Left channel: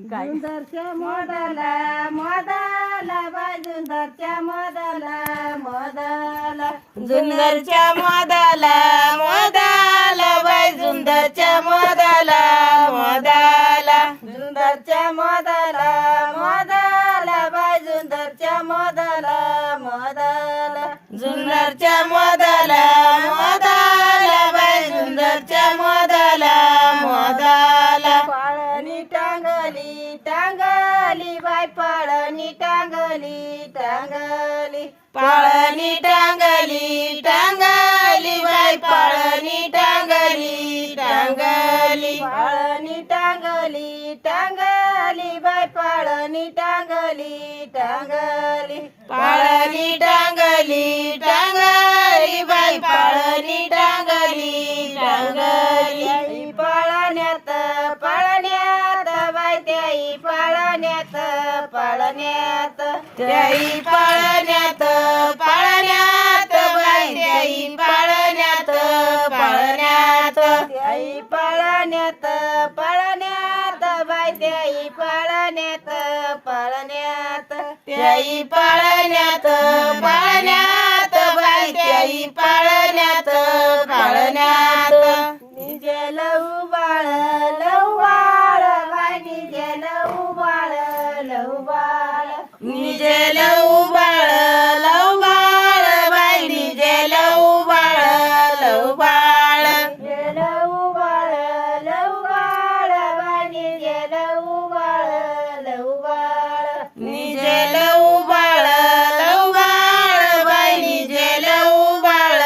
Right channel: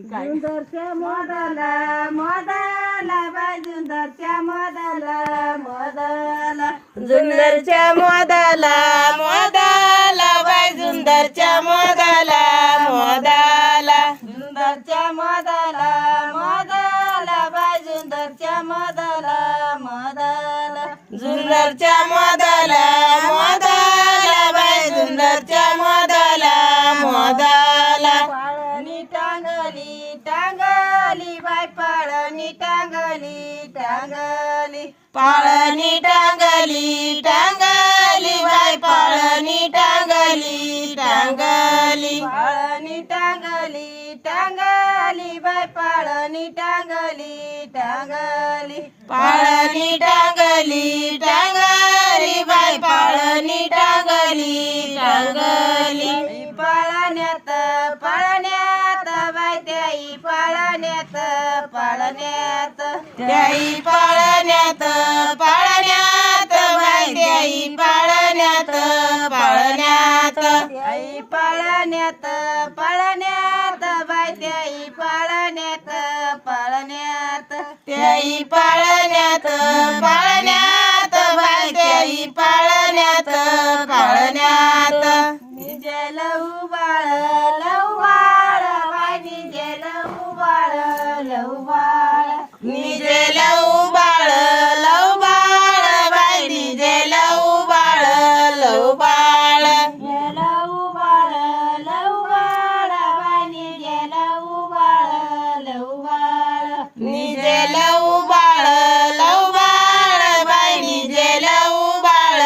जुंदरच्या मोदाला मोदाला bye जुंदरच्या मोदाला मोदाला जुंदरच्या मोदाला मोदाला बाई जुंदरच्या मोदाला मोदाला जुंदरच्या मोदाला मोदाला bye जुंदरच्या मोदाला मोदाला जुंदरच्या मोदाला मोदाला बाई जुंदरच्या मोदाला मोदाला Palni टांगली टांगली bye Palni टांगली टांगली Palni टांगली टांगली बाई पाळणी टांगली टांगली पाळणी टांगली टांगली बाय पाळणी टांगली टांगली पाळणी टांगली टांगली बाई पाळणी टांगली टांगली त्याई पाळण्यात पाळण्यात बाय त्याई पाळण्यात पाळण्यात त्याई पाळण्यात पाळण्यात बाई त्याई पाळण्यात पाळण्यात त्याई पाळण्यात पाळण्यात बाय त्याई पाळण्यात पाळण्यात त्याई पाळण्यात पाळण्यात बाई त्याई पाळण्यात पाळण्यात निजे लहू बाळ लहू बाळ बाय निजे लहू बाळ लहू बाळ निजे लव बाळ लव बाळ बाई निजे लव बाळ लव बाळ निजे लहू बाळ लहू बाळ बाय निजे लहू बाळ लहू बाळ निजे लव बाळ लव बाळ बाई निजे लव बाळ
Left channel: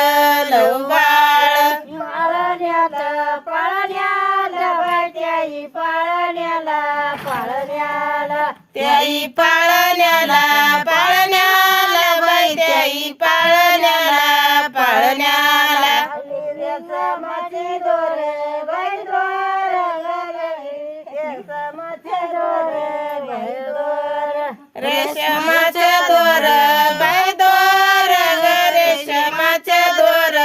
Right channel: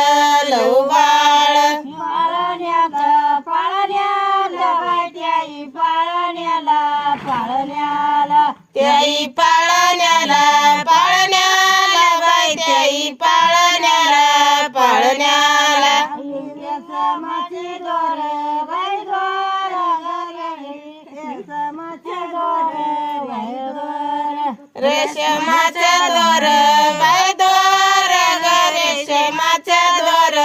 लव बाळ पाळण्यात पाळण्यात बाय त्याई पाळण्याला पाळण्याला त्याई पाळण्याला पाळण्याला बाई त्याई पाळण्याला पाळण्याला रेशमाचे दोर बाय दोर रेशमाचे दोर बाय दोर रेशमाचे दोर बाई दोर ग रेशमाचे दोर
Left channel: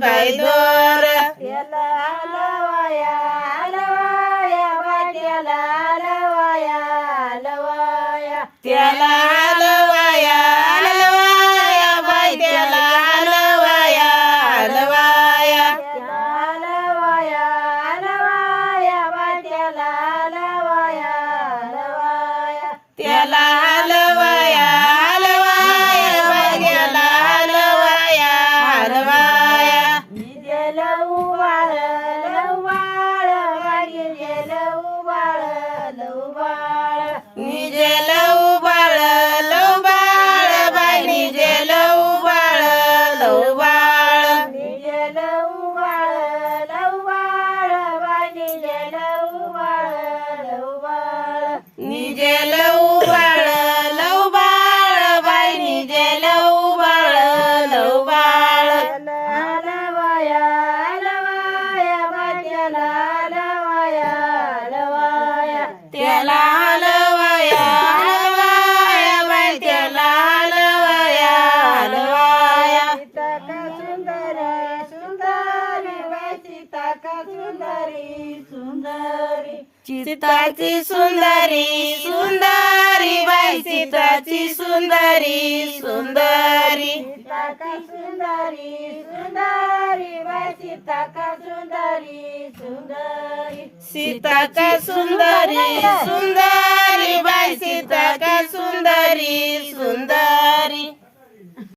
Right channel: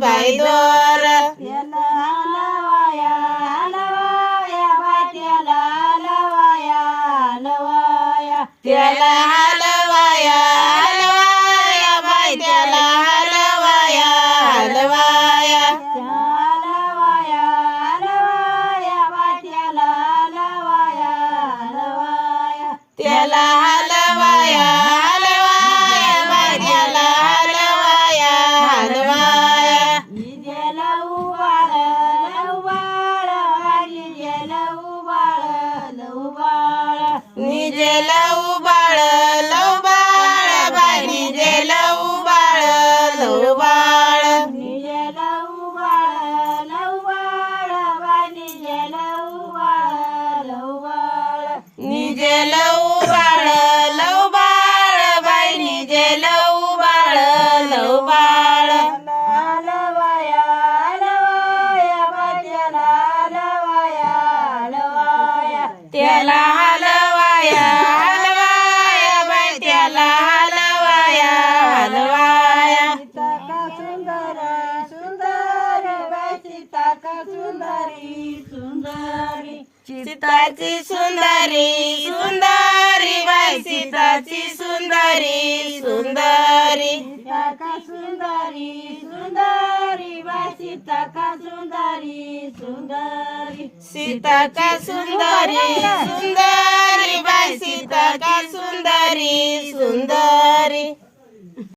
बाई दोर त्याला हलवाया हलवाया बाय त्याला हलवाया हलवाया त्याला हलवाया हलवाया बाई त्याला हलवाया हलवाया त्याला हलवाया हलवाया बाय त्याला हलवाया हलवाया त्याला हलवाया हलवाया बाई त्याला हलवाया हलवाया निजे लहू बाळ लहू बाळ बाय निजे लहू बाळ लहू बाळ निजे लव बाळ लव बाळ बाई निजे लव बाळ लव बाळ निजे लहू बाळ लहू बाळ बाय निजे लहू बाळ लहू बाळ निजे लव बाळ लव बाळ बाई निजे लव बाळ लव बाळ हलवाया हलवाया बाय त्याला हलवाया हलवाया त्याला हलवाया हलवाया बाई त्याला हलवाया हलवाया सीता का सुंदरी सुंदरी बाय सीता का सुंदरी सुंदरी सीताची सुंदरी सुंदरी बाई सीताची सुंदरी सुंदरी सीता का सुंदरी सुंदरी बाय सीता का सुंदरी सुंदरी सीता का सुंदरी सुंदरी बाई सीता का सुंदरी सुंदरी